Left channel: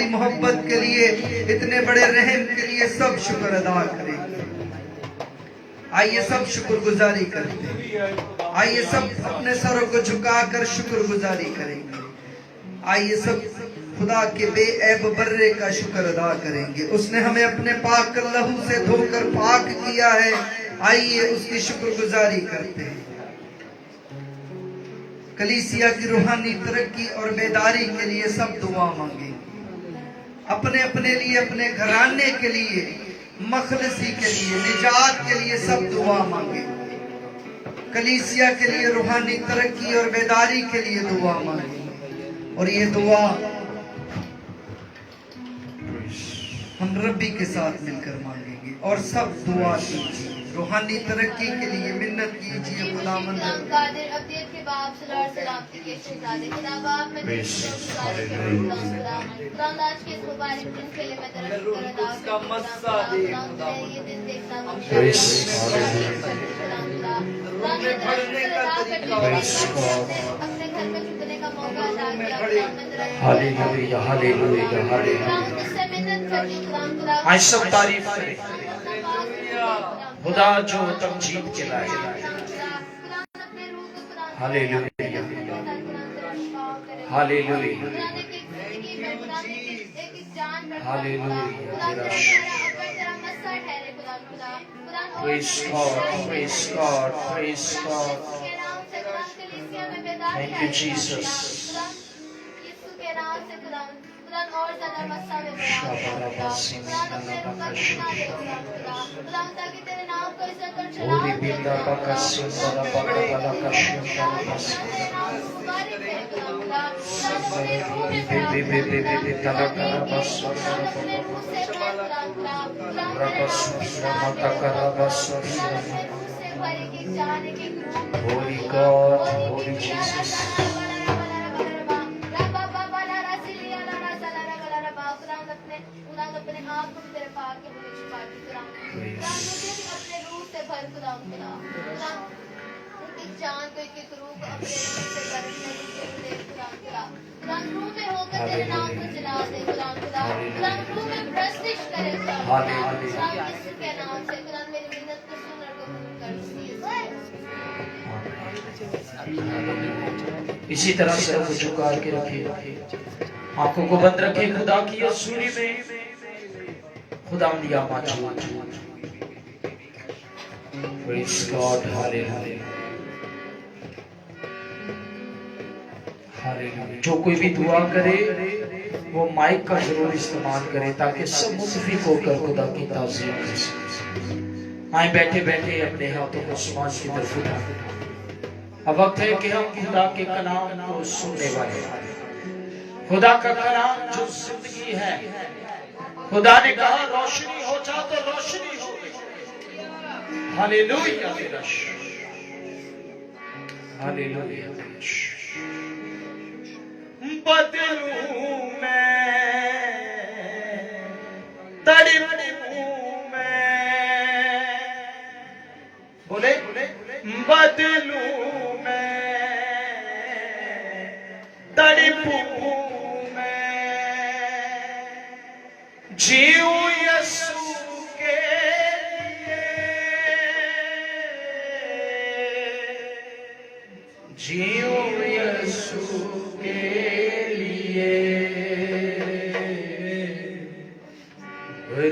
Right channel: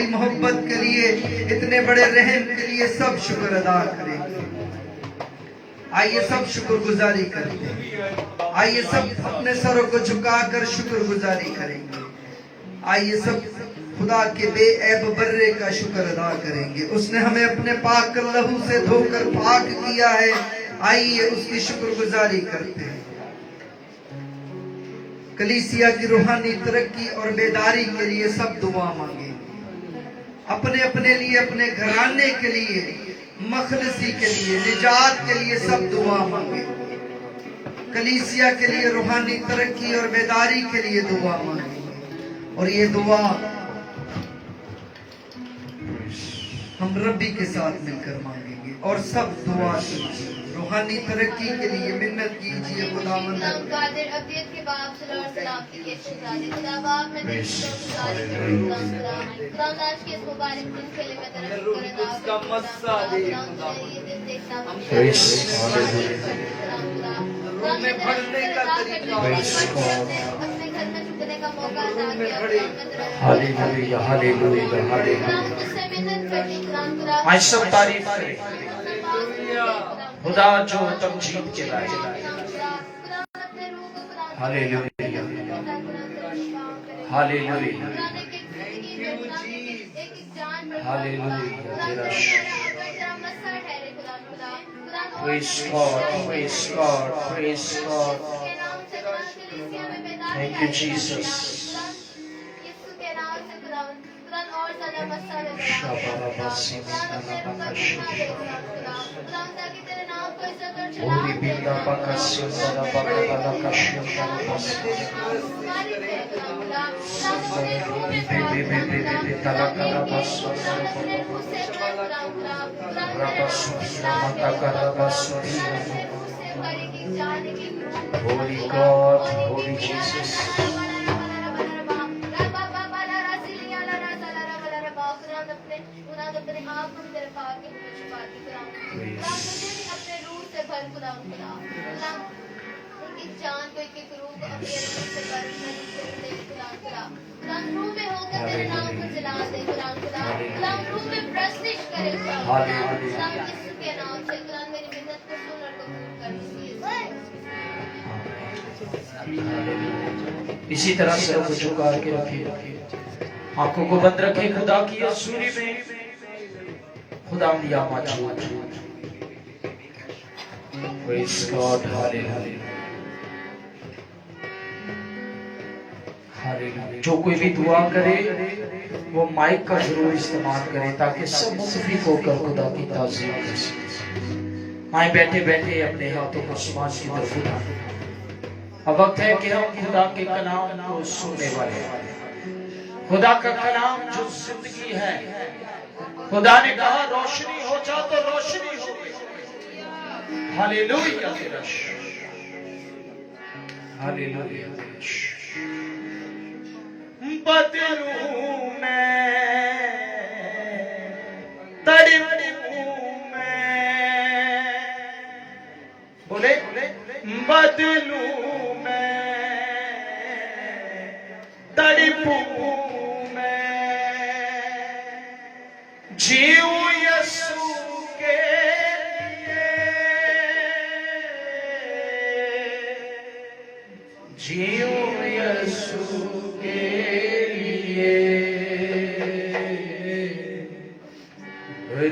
محبت کے لیے، اتنے بڑے رحم کے لیے سب شکر ادا کریں۔ آئیے سب شکر گزاری کریں گے، آئیے سب اپنے سروں کو جھکا کر شکر گزاری کریں گے، آئیے سب خدا کے بے عیب برے کا شکر ادا کریں گے۔ اس نے ہمیں اپنے پاک لہو سے دھو کر پاک کیا ہے، آئیے اس کی شکر گزاری کرتے ہیں۔ کلیسیا کی روحانی ترقی اور بیداری کے لیے سب دعا مانگیں، اپنے اپنے لیے، اپنے گھرانے کے لیے، مخلصی کے لیے، نجات کے لیے سب دعا مانگیں۔ کلیسیا کے لیے روحانی ترقی اور بیداری کے لیے دعا مانگیں، اور یہ دعا ہم ربی کے ساتھ مل کر مانگیں گے، اور سب دعا کیجیے، روحانی ترقی کے لیے منت کیجیے۔ خداوند قادر ابدیت کے باپ صلی اللہ علیہ وسلم کے شکرانے خدا باپ میں تیری شکر گزاری کروں خدا خدا آج کے اس مبارک دن کے لیے میں تیرا شکر ادا کرتی ہوں خدا یہ دن دیکھنا اپنے گھر میں چکنے کا موقع ادا کیا تجھ سے منت کرتی خدا جو تمجید چلائے ہاللیلویہ ہاللیلویہ Praise God, praise God, praise God. Thank you, Jesus. Holy God, Holy Jesus. جان کو ایک روح کو اپنے رشتے سے گرم میں قرآن روح میں ہو کر تیرے نام کو جلا دے قرآن روح میں پرستش کرے قرآن یسوع کے نام سے قرآن میری منت کو سن اور قبول کر اسی طرح سروں کو جھکا کے رکھیے، آنکھوں کو بند رکھیں۔ خدا کی حضوری میں خدا دیا موجود۔ Praise God, hallelujah. جو کوئی بھی دعا کرے وہ مائک کا ضرور استعمال کرے تاکہ سب متفق ہو کر خدا کی تعظیم کر سکیں۔ آئیں بیٹھے بیٹھے اپنے ہاتھوں کو آسمان کی طرف اٹھائیں۔ اب وقت ہے کہ ہم خدا کے کلام کو سننے والے ہیں۔ خدا کا کلام جو زندگی ہے، خدا نے کہا روشنی ہو جا تو روشنی ہو گئی۔ ہاللیلویہ ہاللیلویہ۔ بدلوں میں تڑپوں میں، بولے بدلوں میں تڑپوں میں، جیوں یسوع کے لیے، جیوں یسوع کے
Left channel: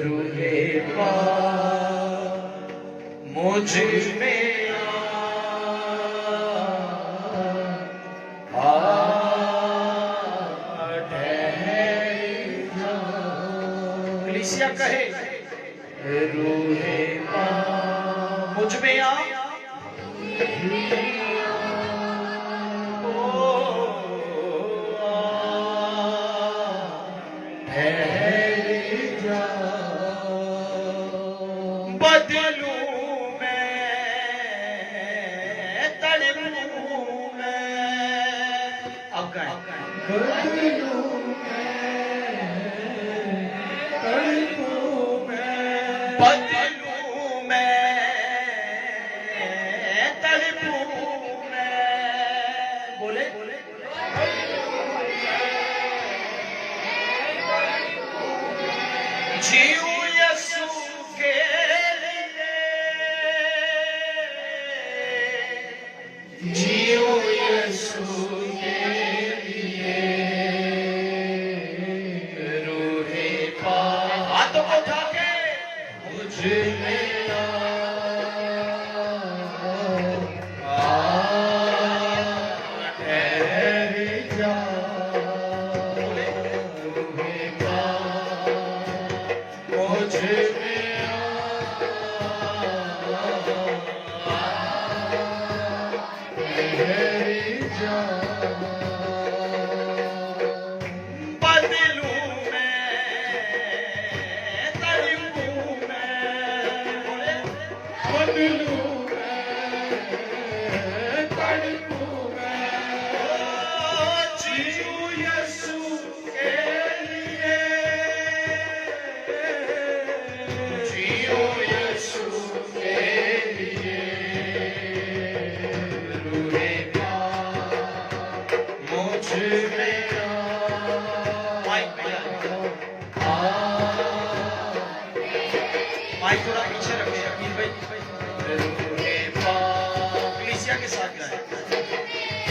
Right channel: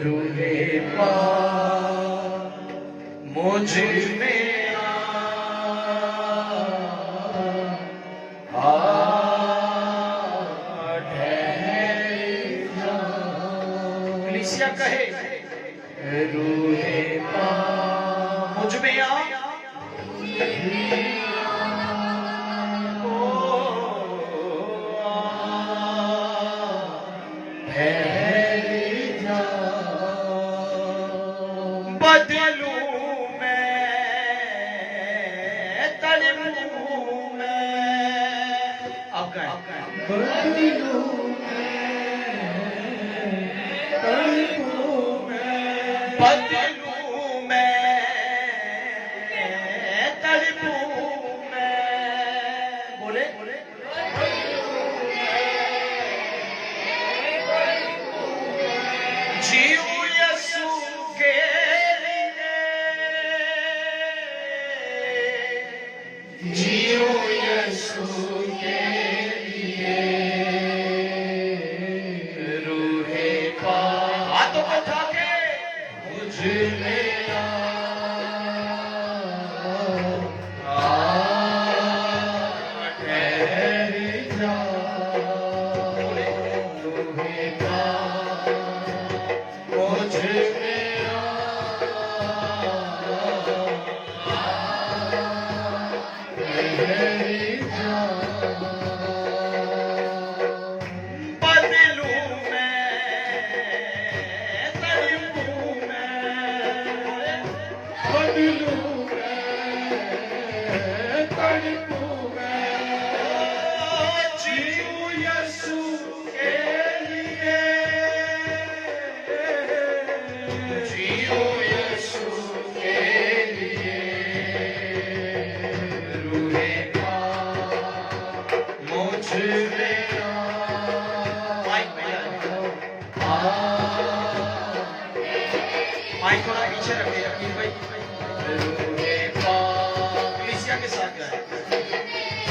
روح پاک مجھ میں کلیسیا کہے روح پاک مجھ میں بدلوں میں تڑپوں میں، اب کہیں بدلوں میں تڑپوں میں، بدلوں میں تڑپوں میں، بولے माइक थोड़ा पीछे रखिए रकीब भाई। एशिया के साथ गाएं।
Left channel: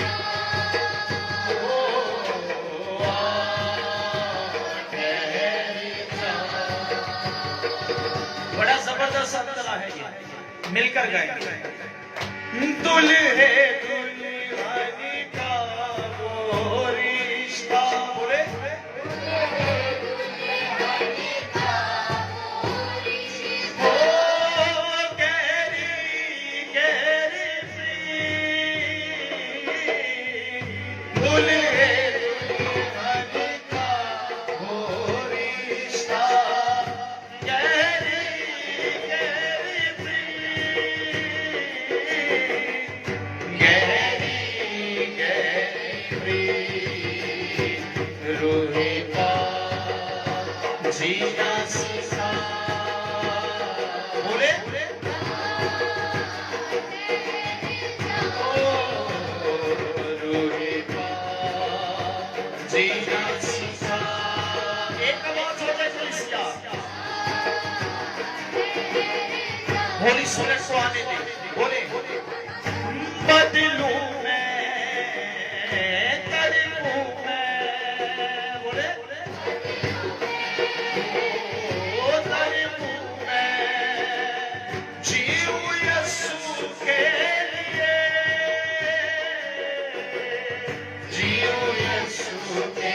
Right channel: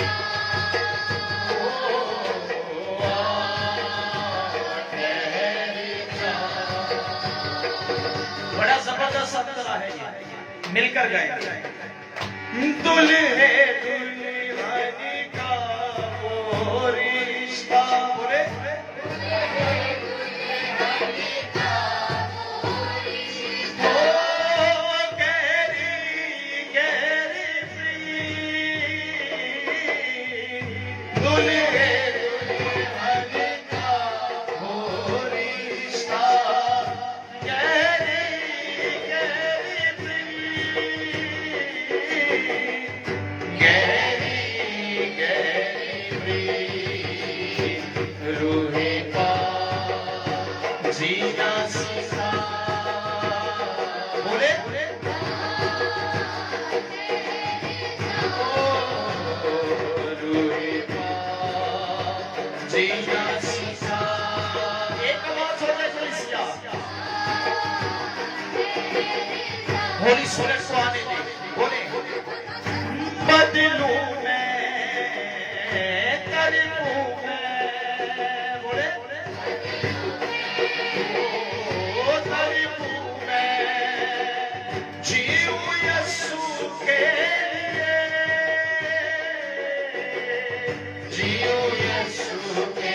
बड़ा जबरदस्त अंतरा है ये। मिलकर गाएंगे। दुल्हे दुल्हन का वो रिश्ता बोले होली सोने को आने के बोले बदलू मैं तड़पू मैं बोले ओ तड़पू मैं जीऊ यीशु के लिए जीऊ यीशु के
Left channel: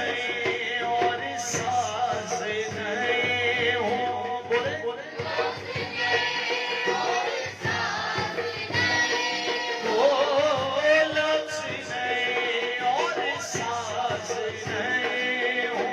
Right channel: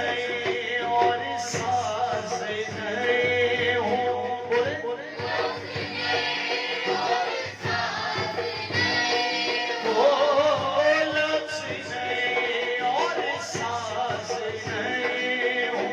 और सास नए हो बोले ओ लक्ष्मी और सास नए हो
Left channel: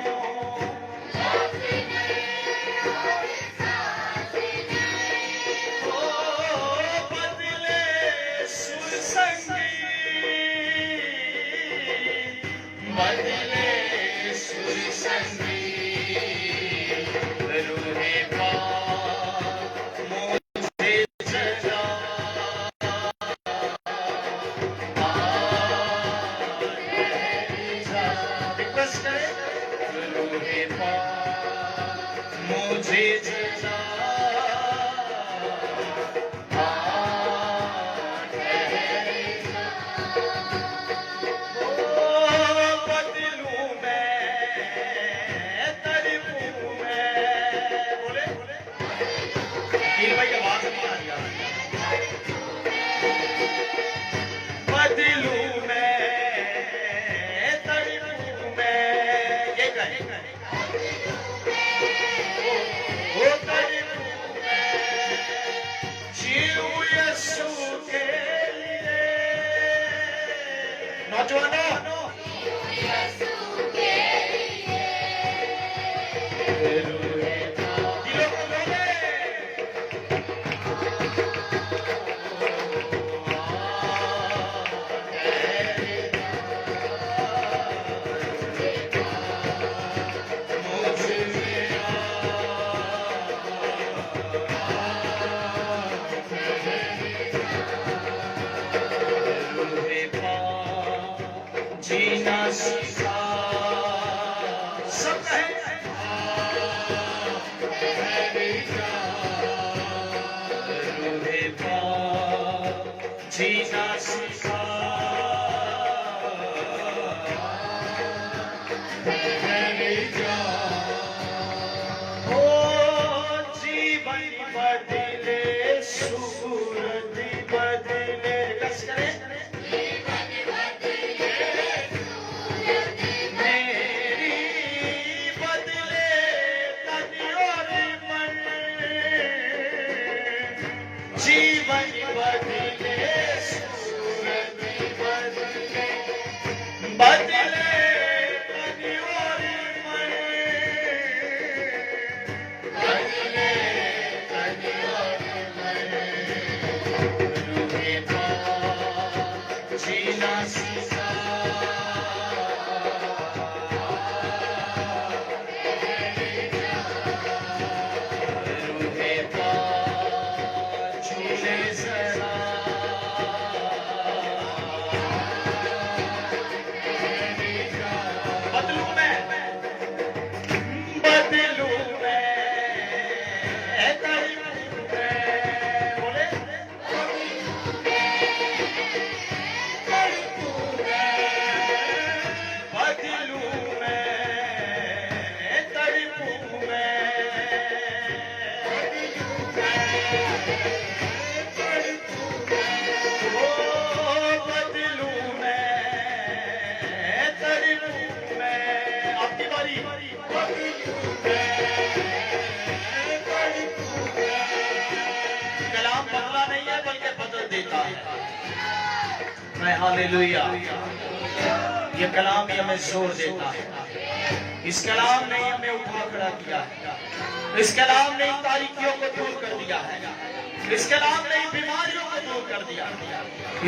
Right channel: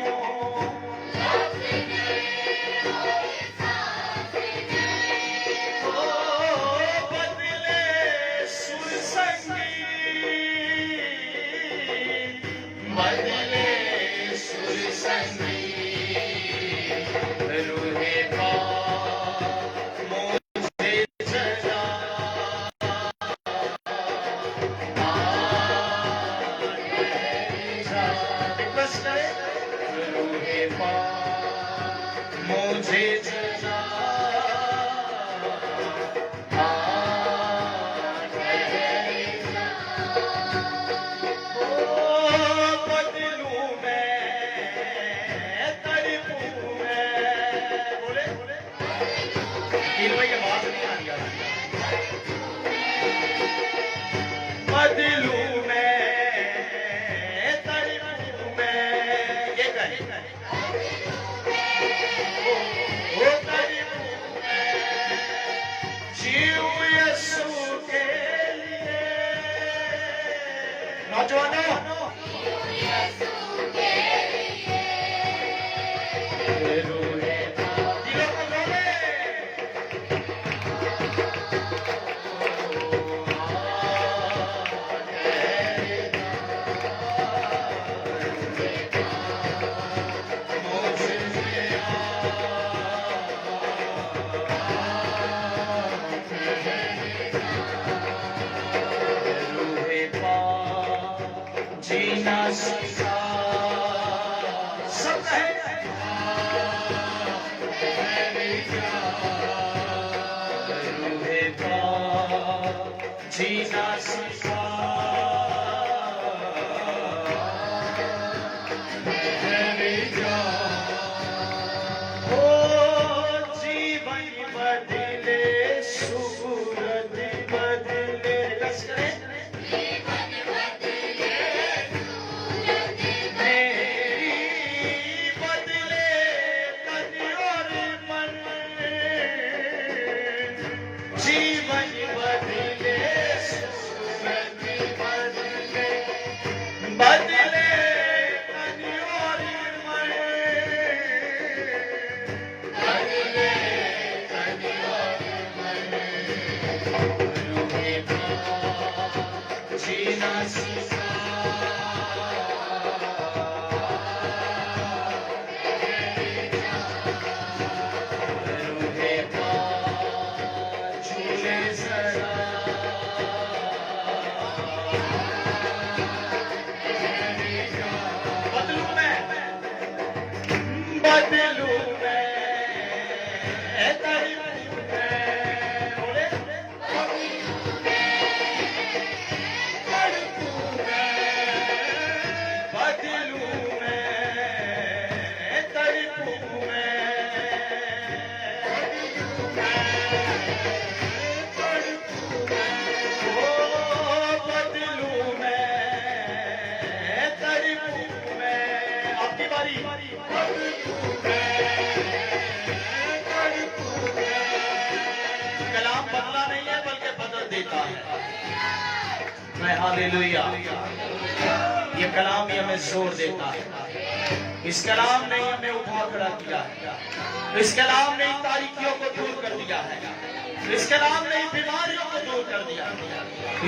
जीना सीखा मैंने ओ जीवन बदले सूरत बदले लश्करे जीवन बदले सूरत बदले बदले तन और मन बदले तन और मन जीना सीखा कलाम बदला नहीं है बल्कि बदल देता है। हालेलुया। ये कलाम ही हमें जोर देता है। इस कलाम ने हमें उठा खड़ा किया। इस कलाम ने तारीकियों को दूर कर दिया है। इस कलाम ने बीमारियों को दूर कर दिया।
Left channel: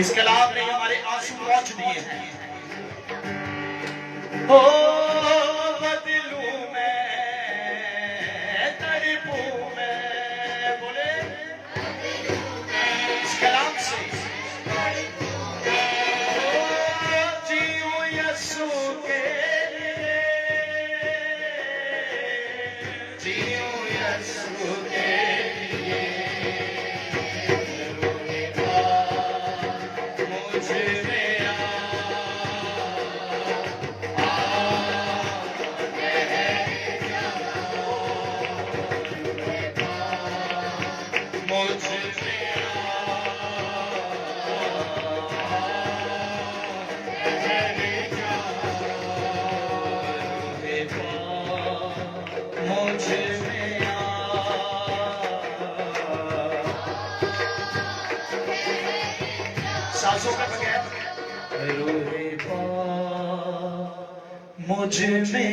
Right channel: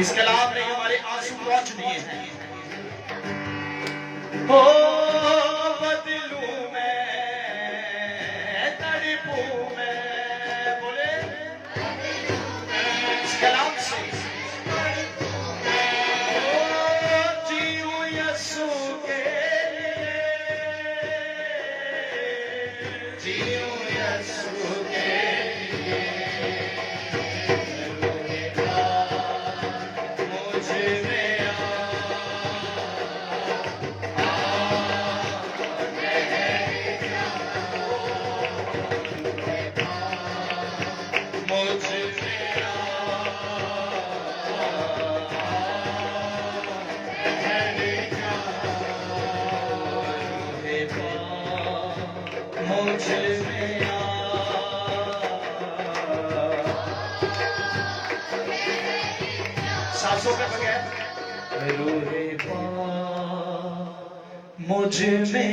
इस कलाम ने हमारे आंसू पहुंच दिए हैं। हो बदलूं मैं तड़पूं मैं बोले इस कलाम से जीऊं यीशु के लिए जीऊं यीशु के लिए मुझे सासों का मुझ में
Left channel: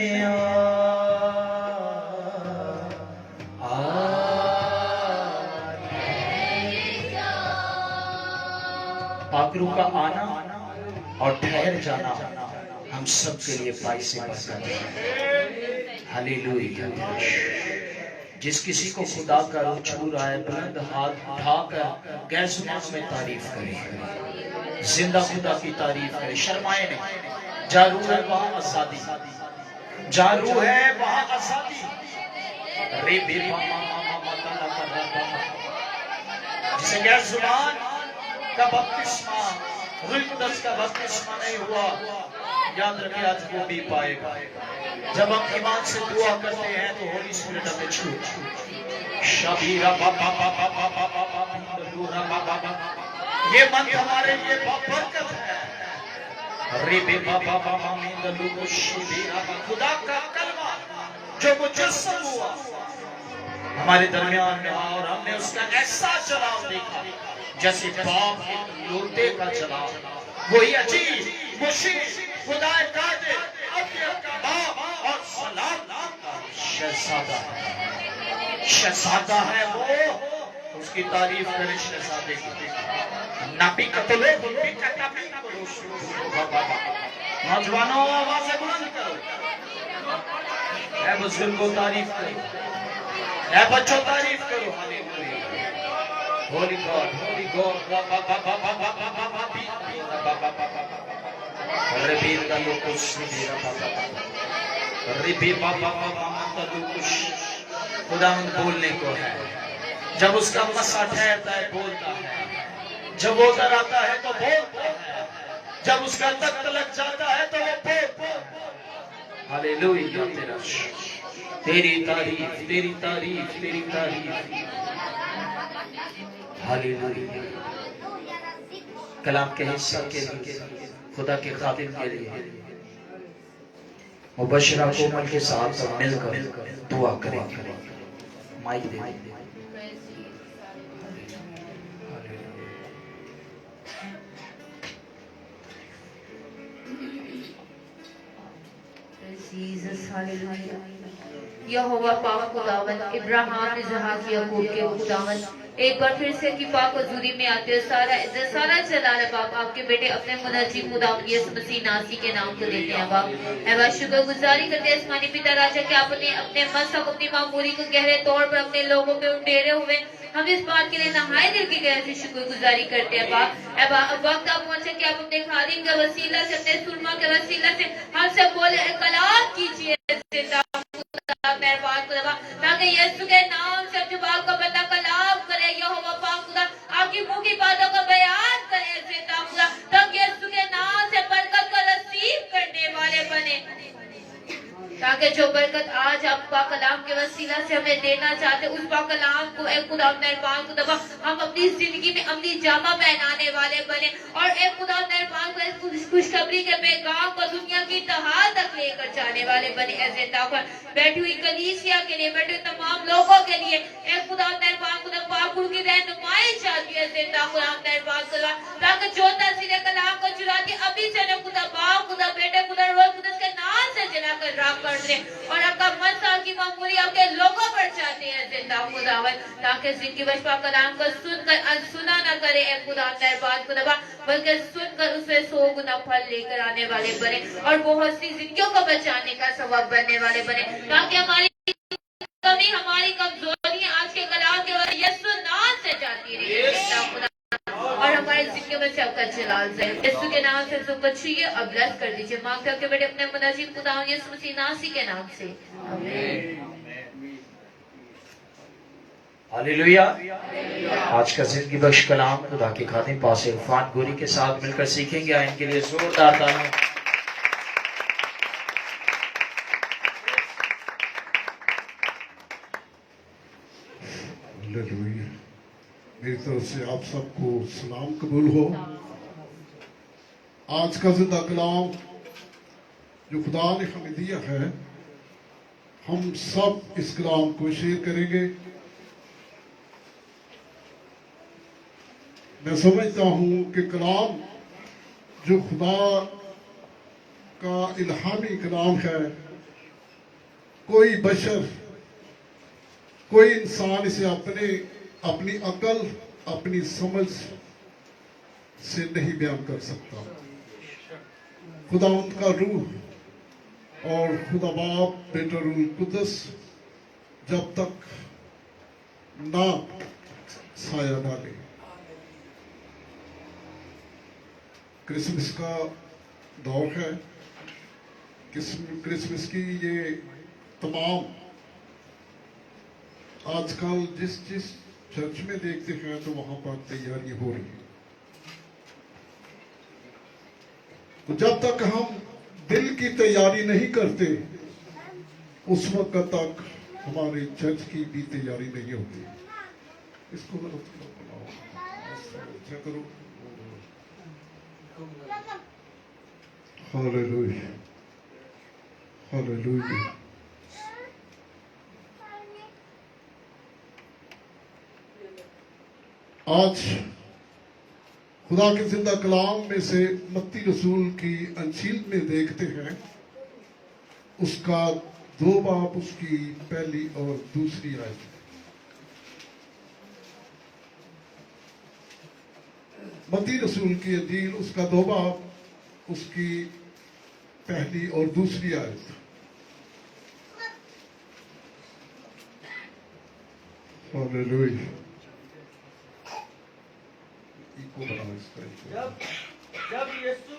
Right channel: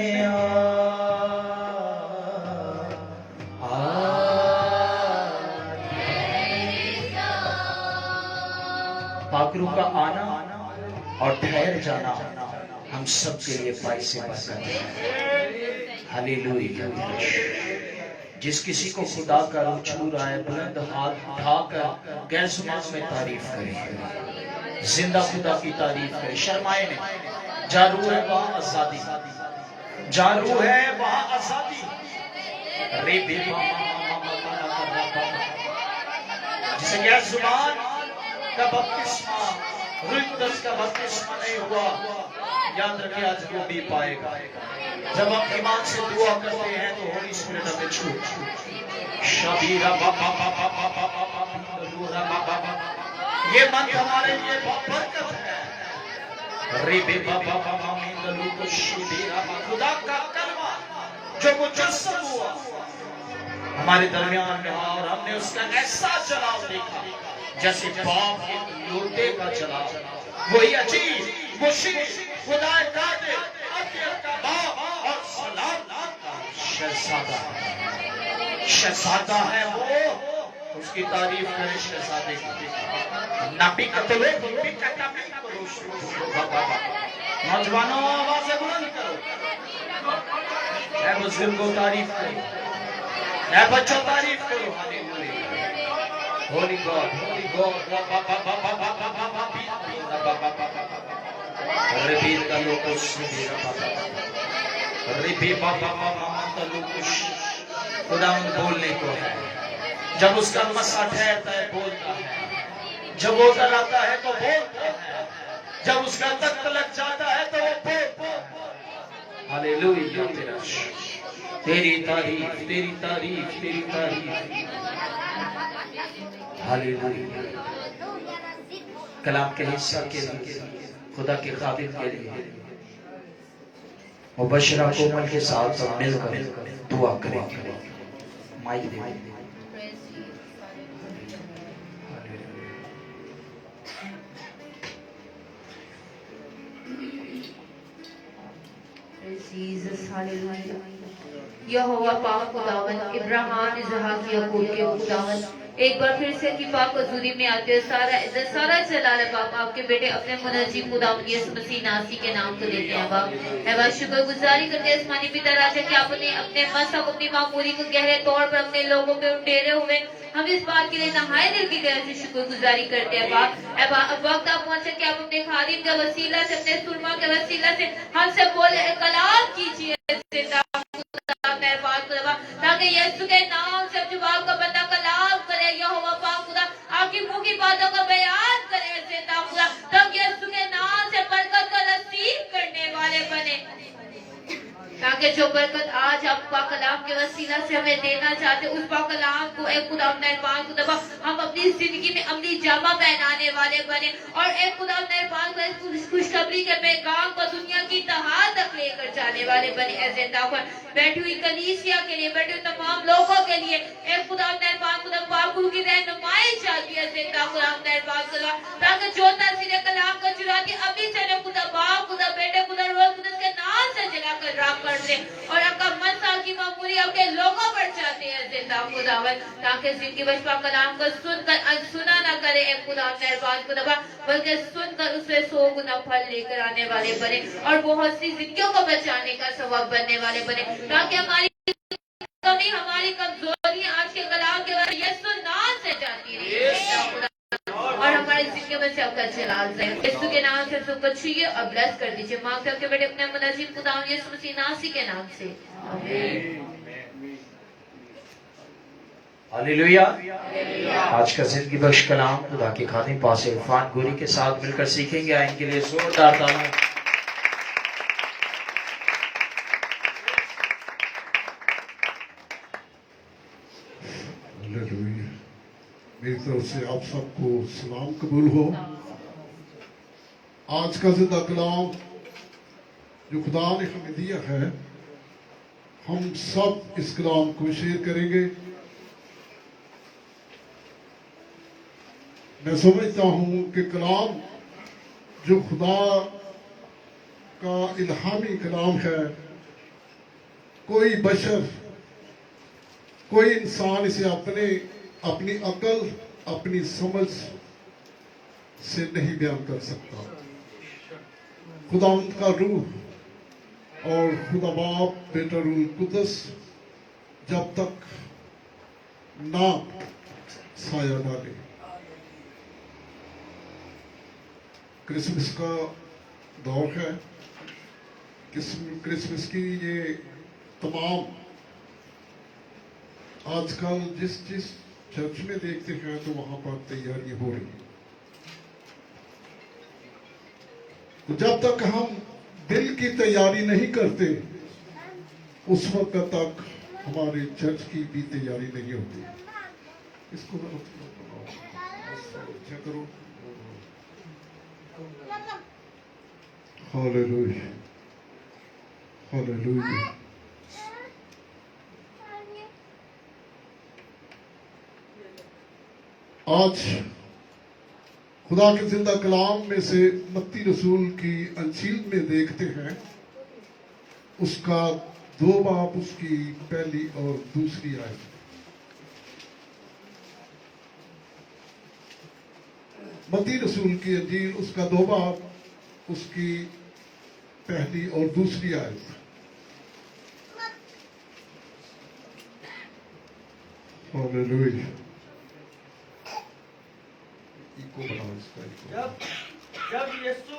पाकरू का आना और ठहर जाना हम सब के लिए बाईस से बसना है। हालेलुया। जिस किसी को खुदा का रूह छू रहा है बुलंद हाथ उठाकर गैर जुबान में तारीफ करे, जिंदा खुदा की तारीफ करे, शर्माए नहीं। जहाँ रूह है वहाँ आजादी, जहाँ रूह है वहाँ आजादी। जिसे गैर जुबान का बपतिस्मा रुद्रस का बपतिस्मा नहीं हुआ, याद रखिए आज वो भी पाएगा। जब हम ईमान से दुआ करते हैं तो होली स्पिरिट हमें छू शबीरा बाबा बाबा बाबा बाबा बाबा ये मन हमारे लिए बहुत है। अरे बाबा बाबा मंगलू को शबीरा खुदा का कलमा जो मुजस्सम हुआ हमारे दरमियान में, और हमने उसका ऐसा जलाव देखा जैसे बाप लोटे का जलाव। वही अजीब मुशिक खुदा दादे का बाप और सलाम का शहजादा, शहजादा है वो, उसकी तारीफ करें शहजादे की। नापी कतलो नौजवानों आवाज बुलंद करो, बुजुर्ग को तारीफ करो, बच्चों तारीफ करो। होली गॉड, होली गॉड, खुदा बोलने को है। जब उसका मसा ठहरता है बोलता है, जब वो उतर आता है तो बोलता है, जब उसका तख्त लग जाता है तो वो बोलता है। हालेलुया तेरा शुक्र, तेरी तारीफ, तेरी तारीफ, तेरी तारीफ। हालेलुया। कलाम के हिस्सा के लिए, खुदा के खातिर के लिए मुबशरा कोमल के साथ सब मिलकर दुआ करेंगे। माइक दे। यहोवा पाक खुदावन, इब्राहिम इसहाक याकूब के खुदावन, एक बार फिर से की पाक हजूरी में आते हुए सारा जलाल बाप आपके बेटे अपने मुनज्जिम खुदावन यीशु मसीह नासी के नाम को देते हैं बाप। एवं शुक्र गुजारी करते हैं आसमानी पिता राजा कि आपने अपने मसहब अपनी मामूली को गहरे तौर पर अपने लोगों पे उठेरे हुए हम इस बात के लिए नहाए दिल की गहरे से शुक्र गुजारी करते हैं बाप। अब वक्त आप पहुंचे कि आप अपने खादिम के वसीला से, अपने सुरमा के वसीला से हमसे बोले कलाम कीजिए ताकि यीशु के नाम से अपने बाप का बंदा कलाम करे। यहोवा पाक खुदा आपकी मुंह की बातों को बयान करे ताकि यीशु के नाम से बरकत को नसीब करने वाले बने, ताकि जो बरकत आज आप पाक कलाम के वसीला से हमें देना चाहते उस पाक कलाम को एक खुदा मेहरबान खुदा हम अपनी जिंदगी में अमली जामा पहनाने वाले बने और एक खुदा मेहरबान को खुशखबरी के पैगाम को दुनिया की तहा तक लेकर जाने वाले बने। ऐसे बैठी हुई कलीसिया के लिए, बैठे तमाम लोगों के लिए एक खुदा मेहरबान खुदा पाकुल की रहनुमाई चाहती है मेहरबान खुदा, ताकि जो तस्वीरें कलाम को चुराती अभी से मैं खुदा बाप खुदा बेटे खुदा रोज खुदा के नाम से जला कर राख कर दे और आपका मन साल की मामूली आपके लोगों पर चाहते हैं जिंदा खुदावन, ताकि जिंदगी बचपा कलाम को सुनकर अनसुना न करे एक खुदा मेहरबान खुदा, बल्कि सुनकर उसे 100 गुना फल लेकर आने वाले बने और बहुत सी जिंदगियों को बचाने का सबब बनने वाले बने, ताकि हमारी कमी हमारी कमजोरियां आज के कलाम के बाद यीशु नाम से जाती रही और हमारे जिंदगी में से आपका जलाल जाए। यीशु के नाम से सब बच्ची और ब्लेस कर दीजिए। मांग करके बेटे अपने मुनाजिम खुदा यीशु मसीह नासी के नाम से आमीन। हालेलुया। आज का जिंदगी बख्श कलाम खुदा के खादिम पास इरफान गोरी के साथ मिलकर सीखेंगे। इनके लिए जोरदार तालियां। मेरी तरफ से आप सबको सलाम कबूल हो। आज का जिंदा कलाम जो खुदा ने हमें दिया है, हम सब इस कलाम को शेयर करेंगे। मैं समझता हूं कि कलाम जो खुदा का इल्हामी कलाम है, कोई बशर, कोई इंसान इसे अपनी अकल, अपनी समझ से नहीं बयान कर सकता। खुदा उनका रूह और खुदा बाप बेटा रूह कुदस जब तक ना साया डाले। क्रिसमस का दौर है। क्रिसमस की ये तमाम आजकल जिस चर्च में देखते हैं तो वहां पर तैयारी हो रही है। तो जब तक हम दिल की तैयारी नहीं करते उस वक्त तक हमारे चर्च की भी तैयारी नहीं होती। इसको अच्छा करो। Hallelujah, hallelujah. आज खुदा के जिंदा कलाम में से मत्ती रसूल की अंजील में देखते हैं, उसका 2 बाब उसकी पहली और दूसरी आयत। मत्ती रसूल की अंजील उसका 2 बाब उसकी पहली और दूसरी आयत। हालेलुया। जब यीशु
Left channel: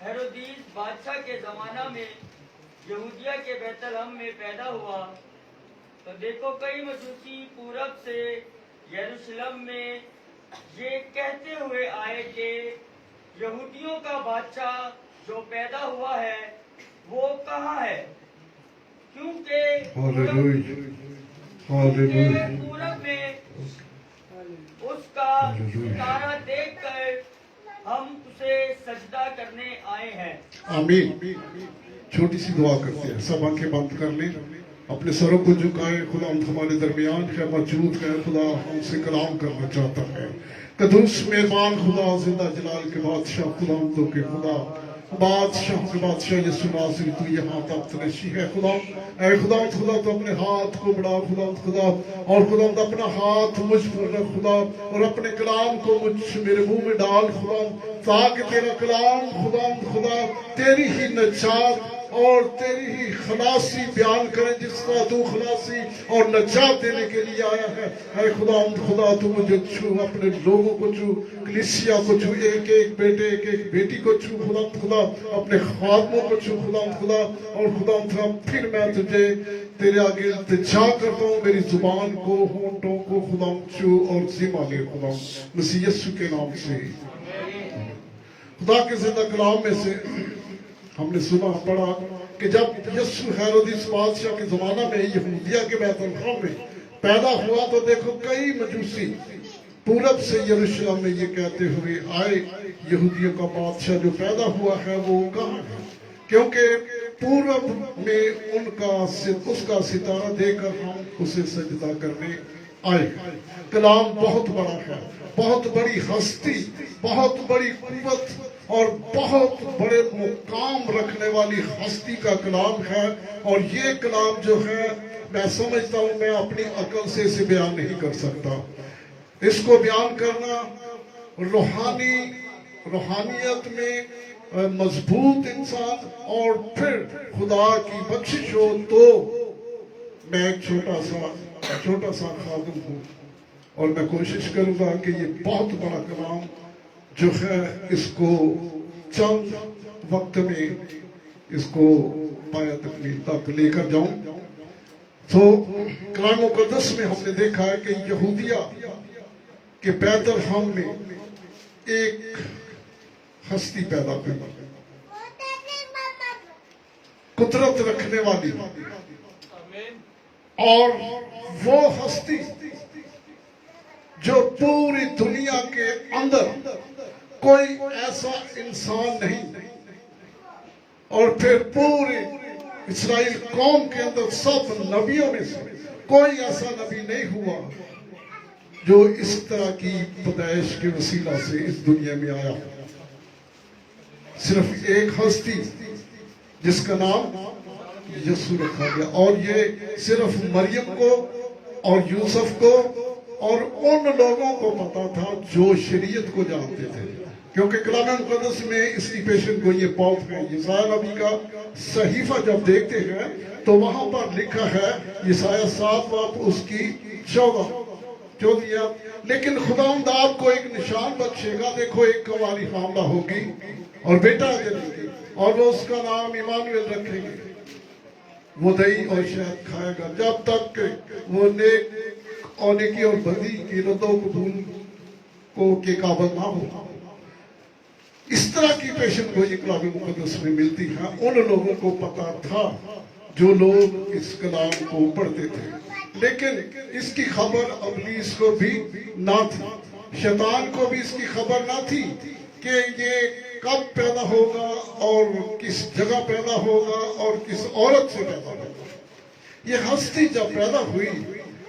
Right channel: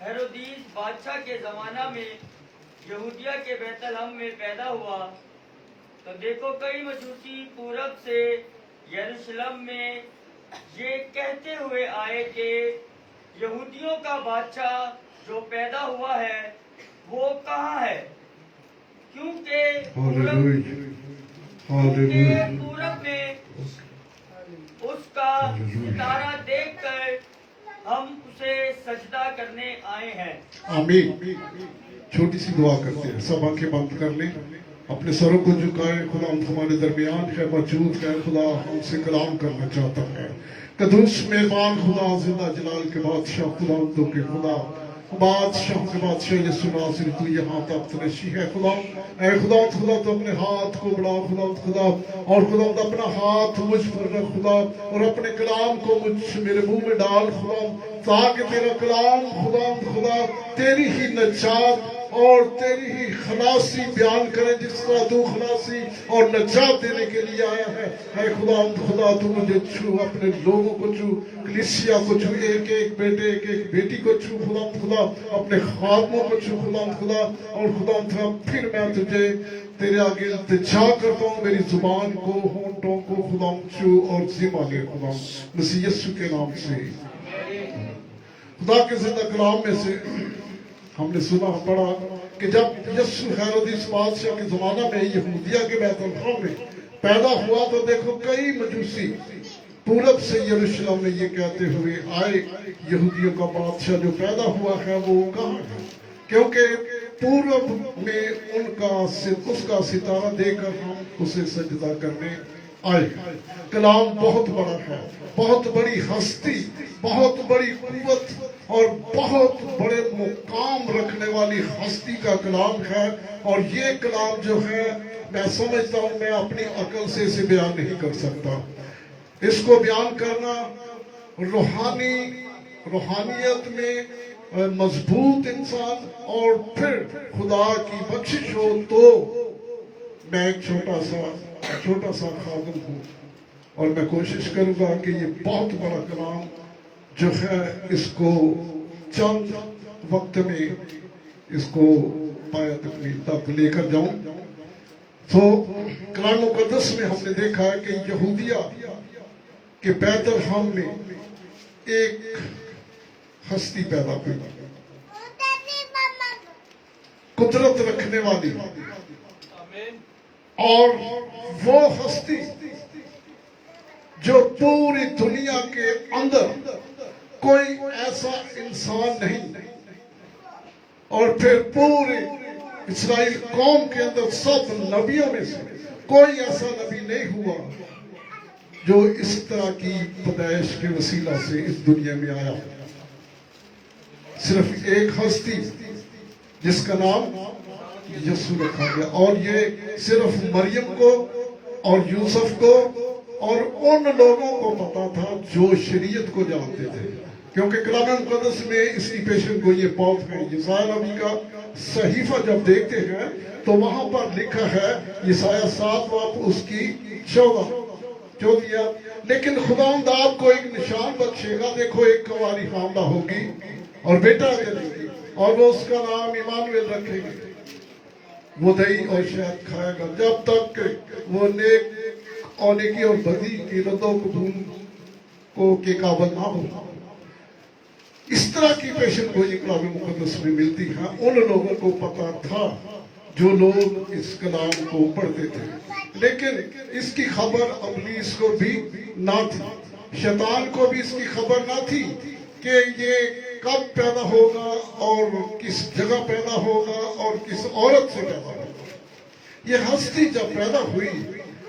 हेरोदीस बादशाह के जमाना में यहूदिया के बैतलहम में पैदा हुआ, तो देखो कई मजूसी पूरब से यरूशलेम में ये कहते हुए आए कि यहूदियों का बादशाह जो पैदा हुआ है वो कहाँ है, क्योंकि पूरब में उसका सितारा देखकर हम उसे सजदा करने आए हैं। आमीन। छोटी सी दुआ करते हैं, सब आंखें बंद कर लें, अपने सरों को झुकाएं। खुदा हमारे दरमियान है, मौजूद है, खुदा हमसे कलाम करना चाहता है। कदूस मेहमान खुदा, जिंदा जलाल के बादशाह, खुदा के खुदा, बादशाह के बादशाह यीशु नासरी, तू यहाँ तक नशी है खुदा। ऐ खुदा तो अपने हाथ को बढ़ा खुदा, और खुदा अपना हाथ मुझ पर रख खुदा, और अपने कलाम को मेरे मुंह में डाल खुदा, ताकि तेरा कलाम खुदा तेरी ही नजात और तेरी ही खलासी बयान करें, जिस तरह तू खलासी और नजात देने के लिए आया है। ऐ खुदा तू मुझे छू, अपने लोगों को छू, कलीसिया को छू, एक एक बेटे एक एक बेटी को छू खुदा, अपने खादमों को छू खुदा, और खुदा फिर मैं तुझे तेरे आगे इल्तिजा करता हूँ, मेरी जुबान को, होंठों को खुदा छू और जिम्मा ले खुदा, मसीह यीशु के नाम से। खुदा के जिंदा कलाम में से हमने सुना पढ़ा कि जब यीशु हेरोदिस बादशाह के जमाना में यहूदिया के बैतलहम में पैदा हुआ, तो देखो कई मजूसी पूरब से यरूशलेम में ये कहते हुए आए, यहूदियों का बादशाह जो पैदा हुआ है वो कहाँ है, क्योंकि पूरब में उसका सितारा देकर हम उसे सजदा करने आए। कलाम बहुत बड़ा है, बहुत बड़ी हस्ती, बहुत बड़ी कुव्वत और बहुत बड़े मुकाम रखने वाली हस्ती का कलाम है। और ये कलाम जो है, मैं समझता हूँ, मैं अपनी अकल से इसे बयान नहीं कर सकता। इसको बयान करना रूहानियत में मजबूत इंसान और फिर खुदा की बख्शिश हो, तो मैं एक छोटा सा खादम हूँ, और मैं कोशिश करूंगा कि ये बहुत बड़ा कलाम जो है, इसको चंद वक्त में इसको तक लेकर जाऊं। तो कलाम मुकद्दस में हमने देखा है कि यहूदिया के बैतलहम में एक हस्ती पैदा हुई, कुदरत रखने वाली, और वो हस्ती जो पूरी दुनिया के अंदर कोई ऐसा इंसान नहीं, और फिर पूरे इस्राएल कौम के अंदर सब नबियों में से कोई ऐसा नबी नहीं हुआ जो इस तरह की पैदाइश के वसीला से इस दुनिया में आया। सिर्फ एक हस्ती जिसका नाम यीशु रखा गया, और ये सिर्फ मरियम को और यूसुफ को और उन लोगों को पता था जो शरीयत को जानते थे, क्योंकि कलाम मुकद्दस में इसकी पेशन को ये पाप है। यसाया नबी का सहीफा जब देखते हैं तो वहां पर लिखा है, यसाया 7 बाब उसकी 14, लेकिन खुदावंद आपको एक निशान बख्शेगा, देखो एक कुंवारी हामला होगी और बेटा जनेगी, और वो उसका नाम इमानुएल रखेगी, वो दही और शहद खाएगा जब तक वो नेक और नेकी और बदी की रद्दो कबूल को के काबिल ना हो। इस तरह की पेशन को कलाम मुकद्दस में मिलती है। उन लोगों को पता था जो लोग इस कलाम को पढ़ते थे, लेकिन इसकी खबर इब्लीस को भी ना थी, शैतान को भी इसकी खबर ना थी कि ये कब पैदा होगा और किस जगह पैदा होगा और किस औरत से पैदा होगा। ये हस्ती जब पैदा हुई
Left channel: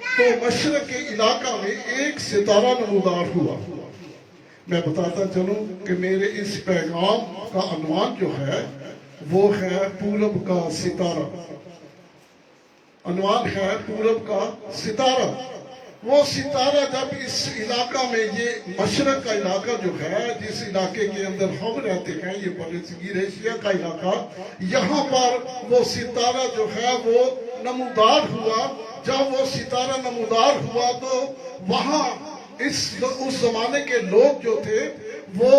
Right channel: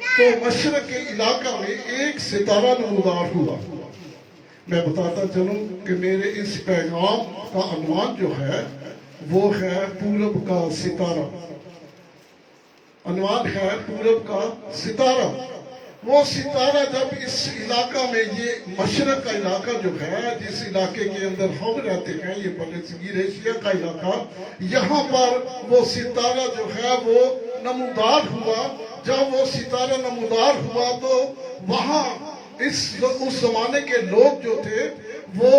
तो मशरक के इलाका में एक सितारा नमूदार हुआ। मैं बताता चलूं कि मेरे इस पैगाम का अनुमान जो है वो है पूरब का सितारा। अनुमान है पूरब का सितारा। वो सितारा जब इस इलाका में, ये मशरक का इलाका जो है, जिस इलाके के अंदर हम रहते हैं, ये पैलेस्टीन एशिया का इलाका, यहाँ पर वो सितारा जो है वो नमूदार हुआ। जब वो सितारा नमूदार हुआ तो वहाँ उस जमाने के लोग जो थे वो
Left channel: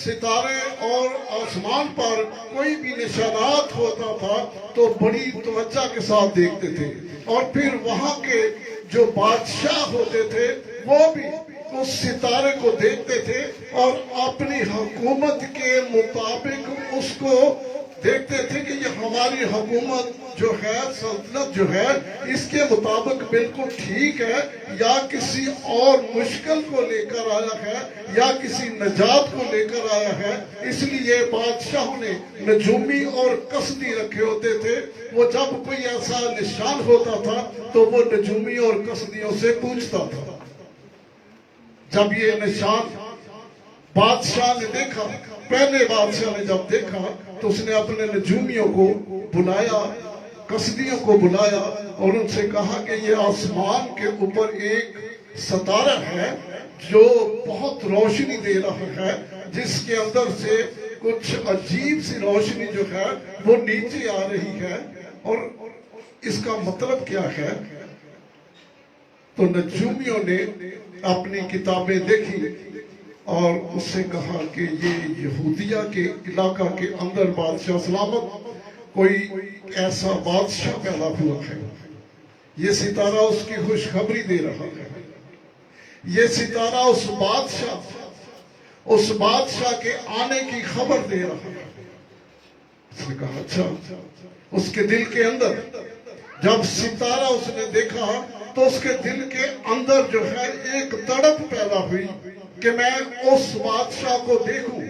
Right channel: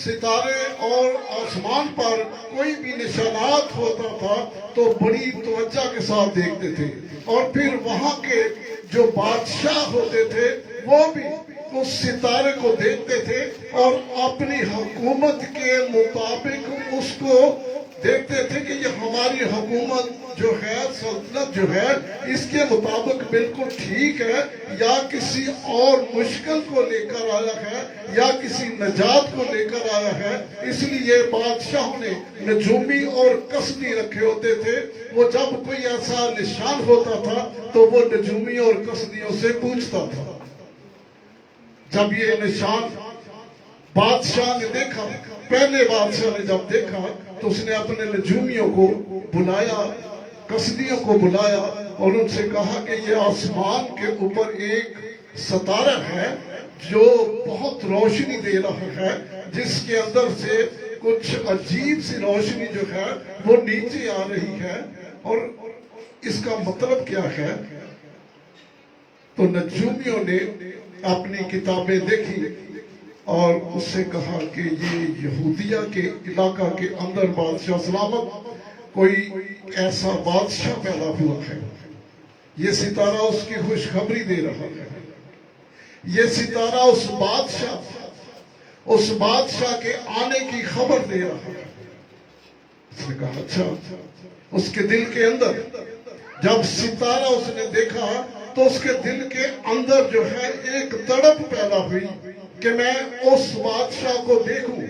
सितारे और आसमान पर कोई भी निशानात होता था तो बड़ी तवज्जो के साथ देखते थे, और फिर वहाँ के जो बादशाह होते थे वो भी उस सितारे को देखते थे और अपनी हुकूमत के मुताबिक उसको देखते थे कि ये हमारी हुकूमत जो है, सल्तनत जो है, इसके मुताबिक बिल्कुल ठीक है या किसी और मुश्किल को लेकर आया है या किसी नजात को लेकर आया है। इसलिए बादशाह ने नजूमी और कसदी रखे होते थे। वो जब कोई ऐसा निशान होता था तो वो नजूमी और कसदियों से पूछता था। जब ये निशान बादशाह ने देखा, पहले बादशाह ने जब देखा तो उसने अपने नजूमियों को बुलाया, कसदियों को बुलाया और उनसे कहा कि ये आसमान के ऊपर एक सितारा है जो बहुत रोशनी दे रहा है, जिसके अंदर से कुछ अजीब सी रोशनी जो है वो नीचे आ रही है, और इसका मतलब क्या है। तो नजूमियों ने अपनी किताबें देखी और उससे कहा कि ये यहूदिया के इलाका के अंदर बादशाह सलामत कोई ऐसा बादशाह पैदा हुआ है। ये सितारा उसकी खुशखबरी दे रहा है। ये सितारा उस बादशाह के आने की खबर दे रहा है। उसने कहा अच्छा। उसके दिल के अंदर जब सितारा उसने देखा तो उसके दिल के अंदर जो है एक तड़प पैदा हुई कि मैं उस बादशाह को देखूं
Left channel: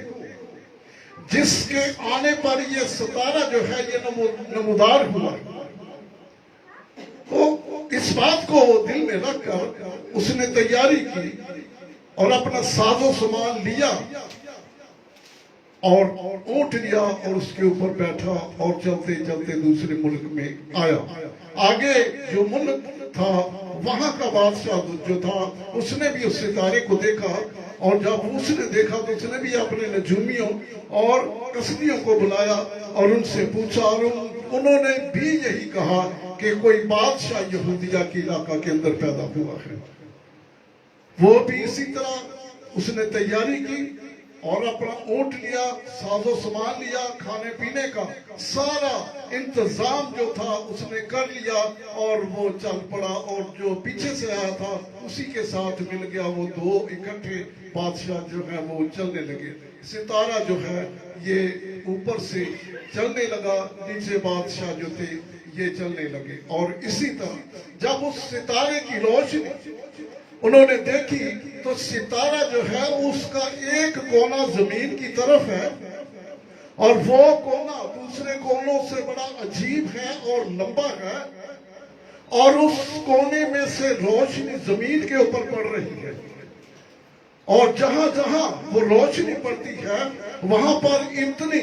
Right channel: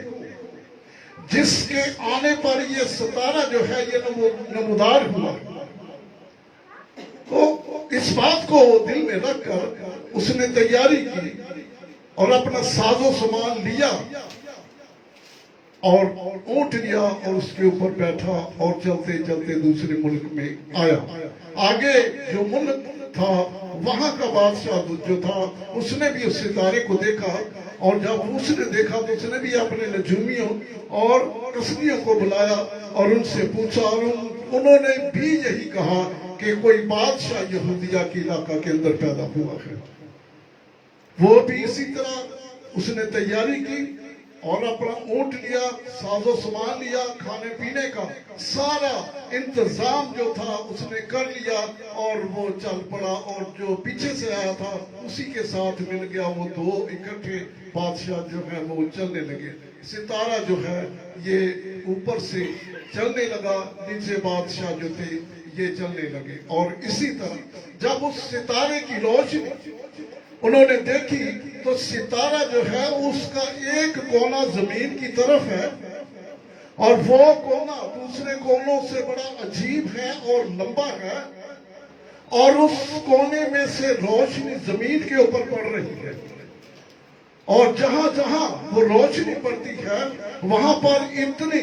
जिसके आने पर ये सितारा जो है ये नमूदार हुआ। तो इस बात को वो दिल में रखकर उसने तैयारी की और अपना साजो सामान लिया और ऊंट लिया और उसके ऊपर बैठा और चलते चलते दूसरे मुल्क में आया। आगे जो मुल्क था वहां का बादशाह जो था उसने भी उस सितारे को देखा, और जब उसने देखा तो उसने भी अपने नजूमियों और कसदियों को बुलाया और उनसे पूछा, और उन्होंने भी यही कहा कि कोई बादशाह यहूदिया के इलाका के अंदर पैदा हुआ है। वो भी इसी तरह उसने तैयारी की और अपना ऊंट लिया, साजो सामान लिया, खाने पीने का सारा इंतजाम जो था उसने कर लिया और वो चल पड़ा। और जो पीछे से आया था उसी के साथ मिल गया। वो दो इकट्ठे बादशाह जो है वो चलने लगे। सितारा जो है ये ऊपर से चलने लगा, नीचे बादशाह जो थे ये चलने लगे। और इसी तरह जब उस सितारे की रोशनी उन्होंने देखी तो सितारा जो है उसका एक कोना जमीन की तरफ है और वो कोना दूसरे कोनों से बड़ा अजीब है और लंबा है, और उस कोने में से रोशनी जमीन के ऊपर पड़ रही है। और जहां जहां वो रोशनी पड़ती है वहां पर इतनी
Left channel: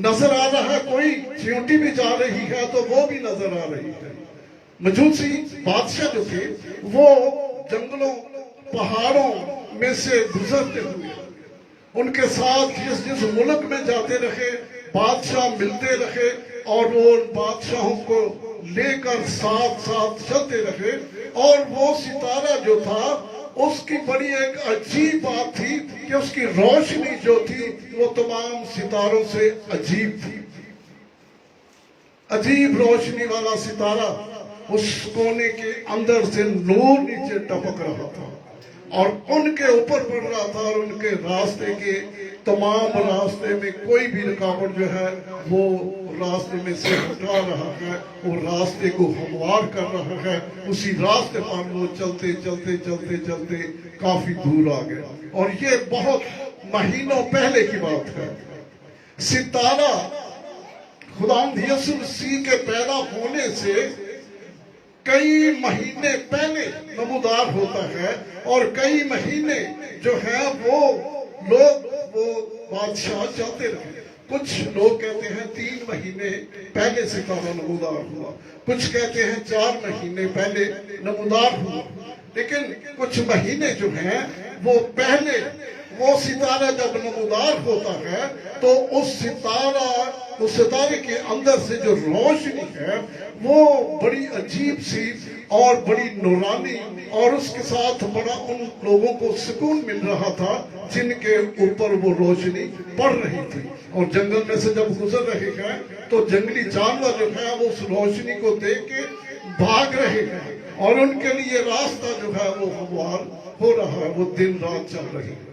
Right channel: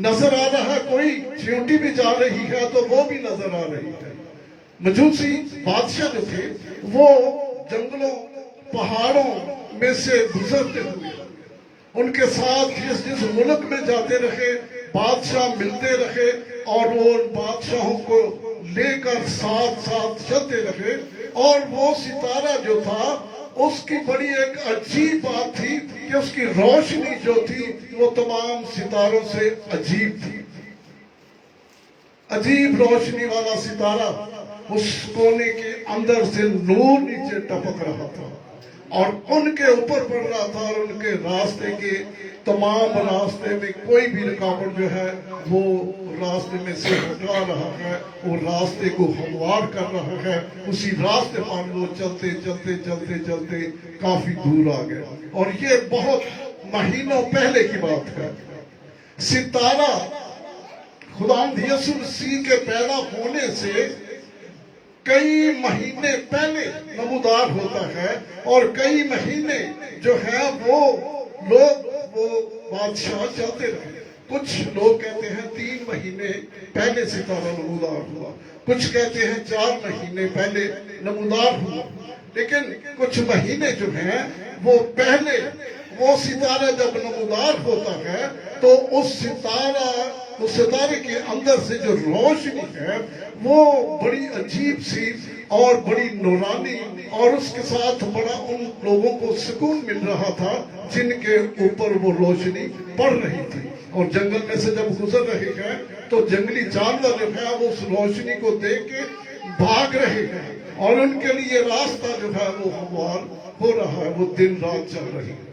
नजर आ रहा है, कोई चींटी भी जा रही है तो वो भी नजर आ रही है। मजूसी बादशाह जो थे वो जंगलों पहाड़ों में से गुजरते हुए उनके साथ जिस जिस मुल्क में जाते रहे बादशाह मिलते रहे और वो उन बादशाहों को लेकर साथ साथ चलते रहे। और वो सितारा जो था उसकी बड़ी एक अजीब बात थी कि उसकी रोशनी जो थी वो तमाम सितारों से अजीब थी। अजीब रोशनी वाला सितारा उस कोने के अंदर से नूर नीचे टपक रहा था और उनके ऊपर पड़ रहा था, और उनके रास्ते के तमाम रास्ते में कोई भी रुकावट जो है वो रास्ते में से हटा रहा है, वो रास्ते को हमवार कर रहा है। उसी रास्ते पर वो चलते चलते चलते चलते काफी दूर आ गए। और ये बहुत महीनों पहले की बात है। सितारा खुदावंद यीशु मसीह के पैदा होने से कई महीने पहले नमूदार होता है और कई महीने जो है वो लोग वो बादशाह चलते रहे। कुछ लोग कहते हैं 3 महीने पहले सितारा नमूदार हुआ, कुछ कहते हैं 4 महीने पहले नमूदार हुआ, लेकिन कुछ महीने जो हैं वो पहले वो सितारा जब नमूदार होता है तो उस सितारे के अंदर से जो रोशनी है वो बड़ी अजीब सी और बड़ी नूरानी, और उसके साथ बड़ा उन लोगों को सुकून मिल रहा था जिनके ऊपर वो रोशनी पड़ रही थी। और जंगल में से जब गुजर रहे हैं तो जंगली जानवर जो है वो उस रोशनी को देख के भाग रहे हैं और उनके लिए रास्ता जो है वो हमवार हो रहा है, वो दिन रात चल रही है।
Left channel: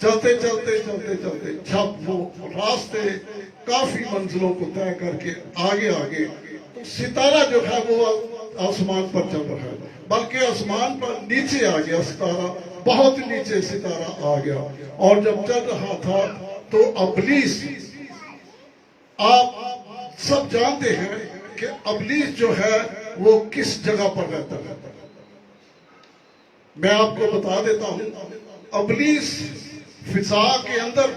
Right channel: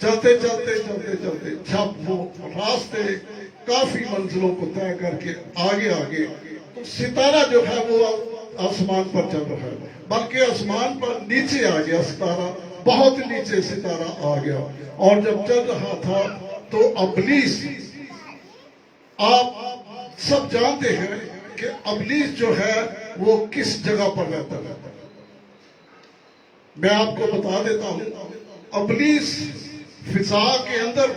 चलते चलते चलते चलते जब वो रास्ते काफी मंजिलों को तय करके आगे आगे, तो सितारा जो है वो आसमान पर चल रहा है, बल्कि आसमान पर नीचे आ गया सितारा, बहुत नीचे सितारा आ गया। और जब चल रहा था तो अबलीस, आप सब जानते हैं कि अबलीस जो है वो किस जगह पर रहता है। मैं आपको बता देता हूं, अबलीस फिजा के अंदर,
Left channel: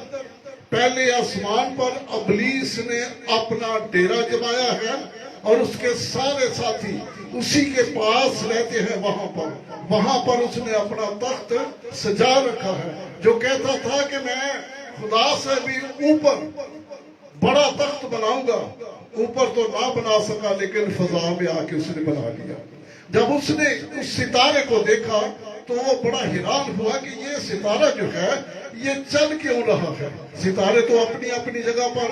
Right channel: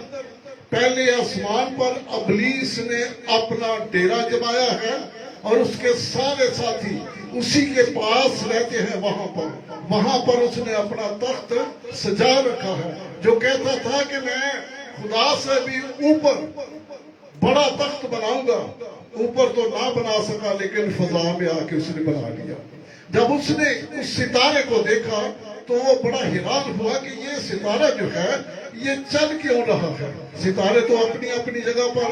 पहले आसमान पर अबलीस ने अपना डेरा जमाया है और उसके सारे साथी उसी के पास रहते हैं। वहां पर उसने अपना तख्त सजा रखा है, जो कहता था कि मैं खुदा से भी ऊपर बड़ा तख्त बनाऊंगा। ऊपर तो ना बना सका, लेकिन फजा में आके उसने बना लिया। जब उसने उस सितारे को देखा तो वो बड़ा हैरान हुआ कि ये सितारा जो है ये चल क्यों रहा है। सितारे तो अपनी अपनी जगह पर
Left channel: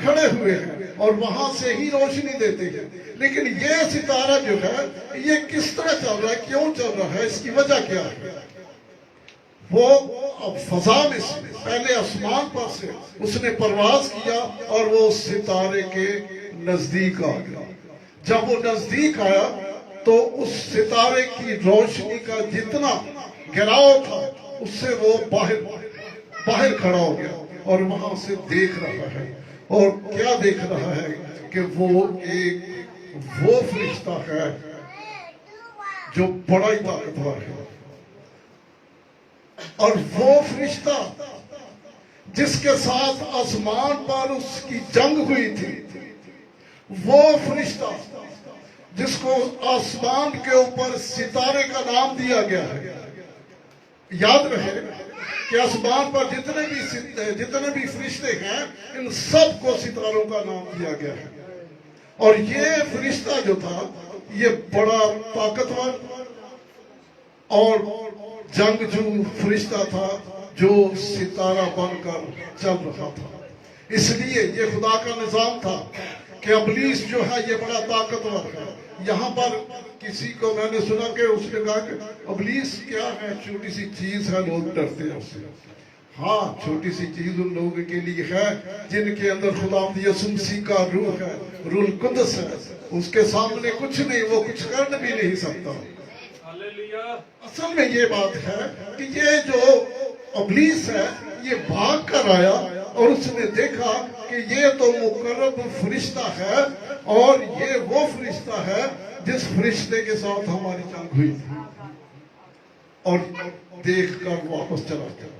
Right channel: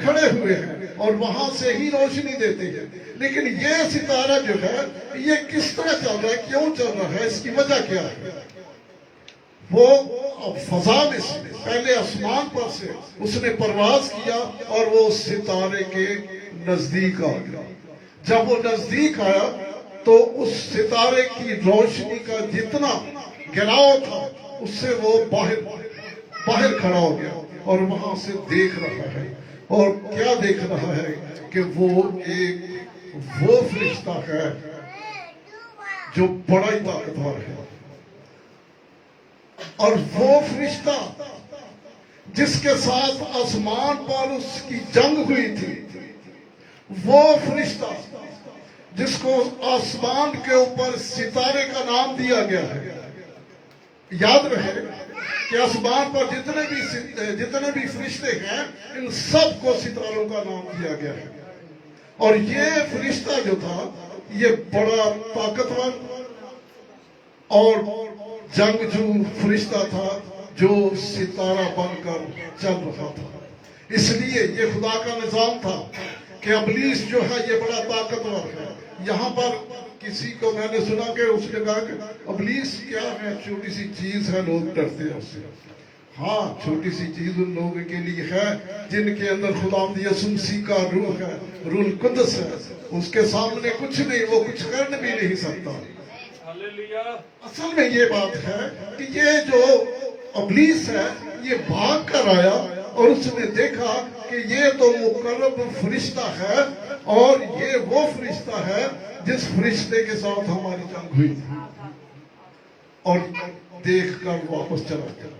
खड़े हुए हैं और वहां से ही रोशनी देते हैं, लेकिन ये सितारा जो है ये किस तरह चल रहा है, क्यों चल रहा है, इसकी वजह क्या है। वो अब फजा में से पहले आसमान पर से उसने परवाज किया और वो सितारे के नजदीक आ गया। जब वो नजदीक आया तो उस सितारे की रोशनी का जितना गिराव था उससे वो बाहर खड़ा हो गया और वहां से देख रहा है। और क्या देख रहा है कि वो फरिश्ता है जो बड़ा ही ताकतवर है। और वो फरिश्ता जिसके साथ आसमान पर उसकी जंग हुई थी, वो फरिश्ता जिसको आसमान के ऊपर सितारे का नाम दिया गया है। याद रहे कि आसमान पर जितने भी फरिश्ते हैं, इन सब को सितारों का नाम दिया गया है। और ये फरिश्ता जो था ये बड़ा ताकतवर और जंगजू फरिश्ता था जो सितारा बनकर चल रहा था। इसलिए ये खुदा का निजाम था कि अबलीस जो है ये बड़ा ताकतवर है। यहाँ पर किसी को मैंने सुना कि उसने कहा कि अबलीस क्या है, छोटी सी चीज है, लोग डरते हैं उससे। हाँ, छोटी सी चीज उन लोगों के लिए है जिनके अंदर खुदावंद यीशु मसीह का रूह है, रूह कुद्दस है। उसके सामने कुछ नहीं, वो कुछ कर भी नहीं सकता। असल में ये बात है कि ये जो अबलीस है ये भाग कर आया और उसने देखा कि ये तो मुकर्रब फरिश्ता है और ये वो फरिश्ता है जिस फरिश्ते के साथ हमारी जंग हुई थी। और देख कर वापस चला गया।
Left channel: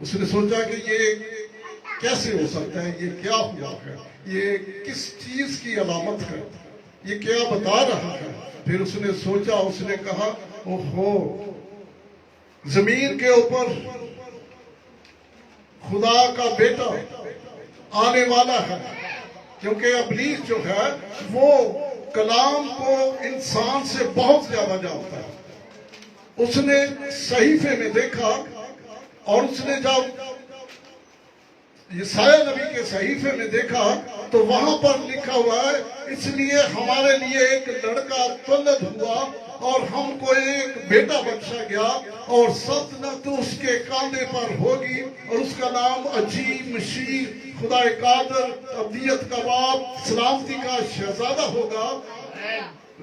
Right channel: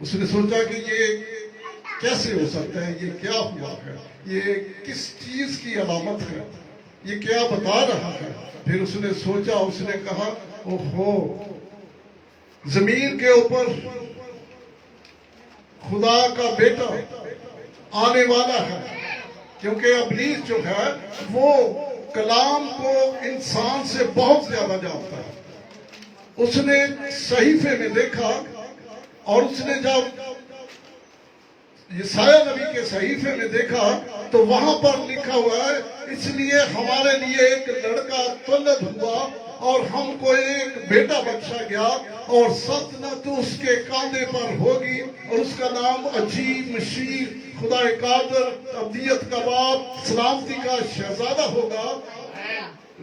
उसने सोचा कि ये कैसे हो सकता है, ये क्या हुआ है, ये किस चीज की अलामत है, ये क्या बता रहा है। फिर उसने सोचा, उसने कहा ओहो, जमीन के ऊपर खुदा का बेटा आने वाला है। क्योंकि अबलीस जो है वो कलाम को इंसान से बहुत ज्यादा जानता है। उसने सहीफे में देखा और उसने जब यशायाह नबी के सहीफे में देखा तो वहां पर लिखा हुआ है, इसलिए हमारे लिए एक लड़का तुलद हुआ और हमको एक बेटा बख्शा गया और सल्तनत उसके कांधे पर होगी और उसका नाम अजीब, शीर, खुदा कादर, अब्दियत का बाप, सलामती का शहजादा होगा।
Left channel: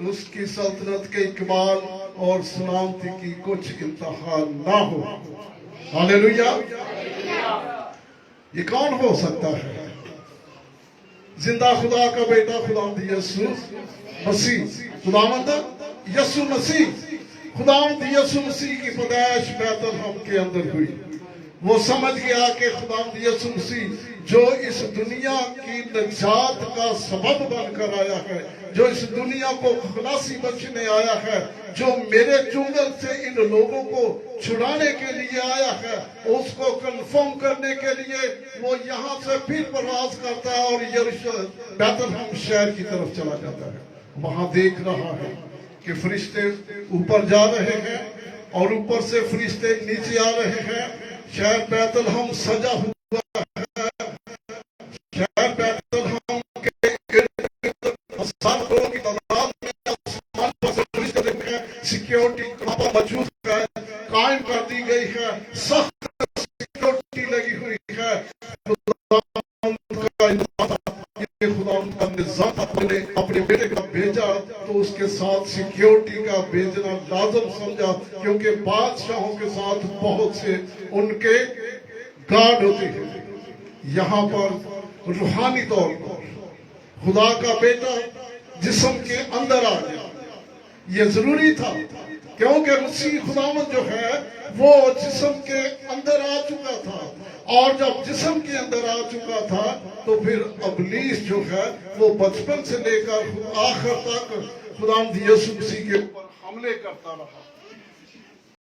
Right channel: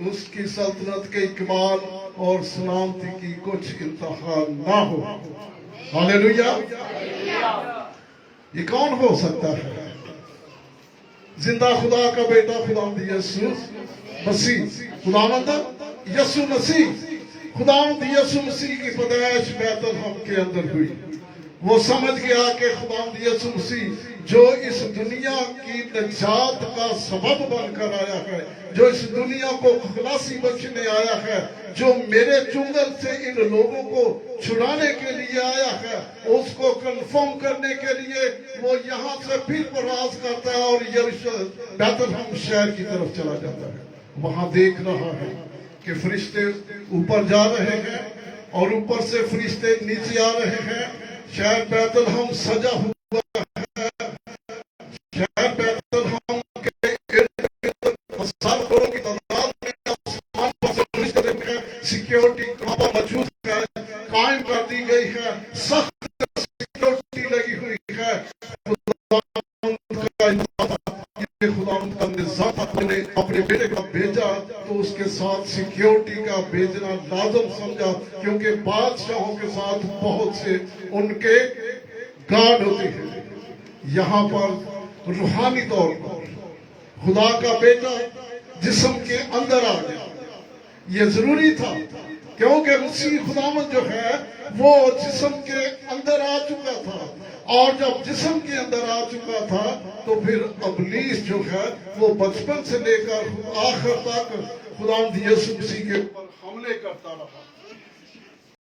उसकी सल्तनत के इकबाल और सलामती की कुछ इंतहा ना हो। हालेलुया। ये कौन हो सकता है? जिंदा खुदा का बेटा खुदावंद यीशु मसीह, खुदावंद यीशु मसीह, खुदावंद यीशु मसीह की पैदाइश बैतलहम के अंदर हुई। वो समझ गया कि खुदावंद यीशु मसीह जो इस दुनिया की नजात का सबब बनकर आया है, जो इस दुनिया को खलासी बख्शने आया है, जो मेरे चुंगल से इन लोगों को छुड़ाने के लिए आया है, उसको कंफर्म करने के लिए वो यहाँ से फिर प्रवास करता है और यरूशलेम बैतलहम शहर की तरफ चला जाता है। वहां देख रहा है कि फरिश्ते ऊपर जा रहे हैं और ऊपर से फरिश्ते नीचे आ रहे हैं। शहर बैतलहम सजा हुआ है। शहर बैतलहम के हजारों की तादाद में आसमान पर सिक्योरिटी मौजूद है, कायम कर दी गई है, सख्त सिक्योरिटी लगी हुई है। ये खुदावंद का निज़ाम अपने बेटे का भेजा तो उसके साथ सिक्योरिटी का भेजना लाजम समझा, क्योंकि बादशाहों के साथ बहुत से उनके गार्ड होते हैं। यहाँ पर रूहानी तौर पर खुदा का बेटा जिस्म के अंदर आ गया, ये जरूरी था, क्योंकि मसीह खुदावंद जो है वो जिस्म के अंदर आ चुका था, और जब जिस्म के अंदर आ चुका था तो फिर अबलीस जो है वो बचपन से लेकर आखिर तक खुदावंद यीशु मसीह के ऊपर हमले करता रहा।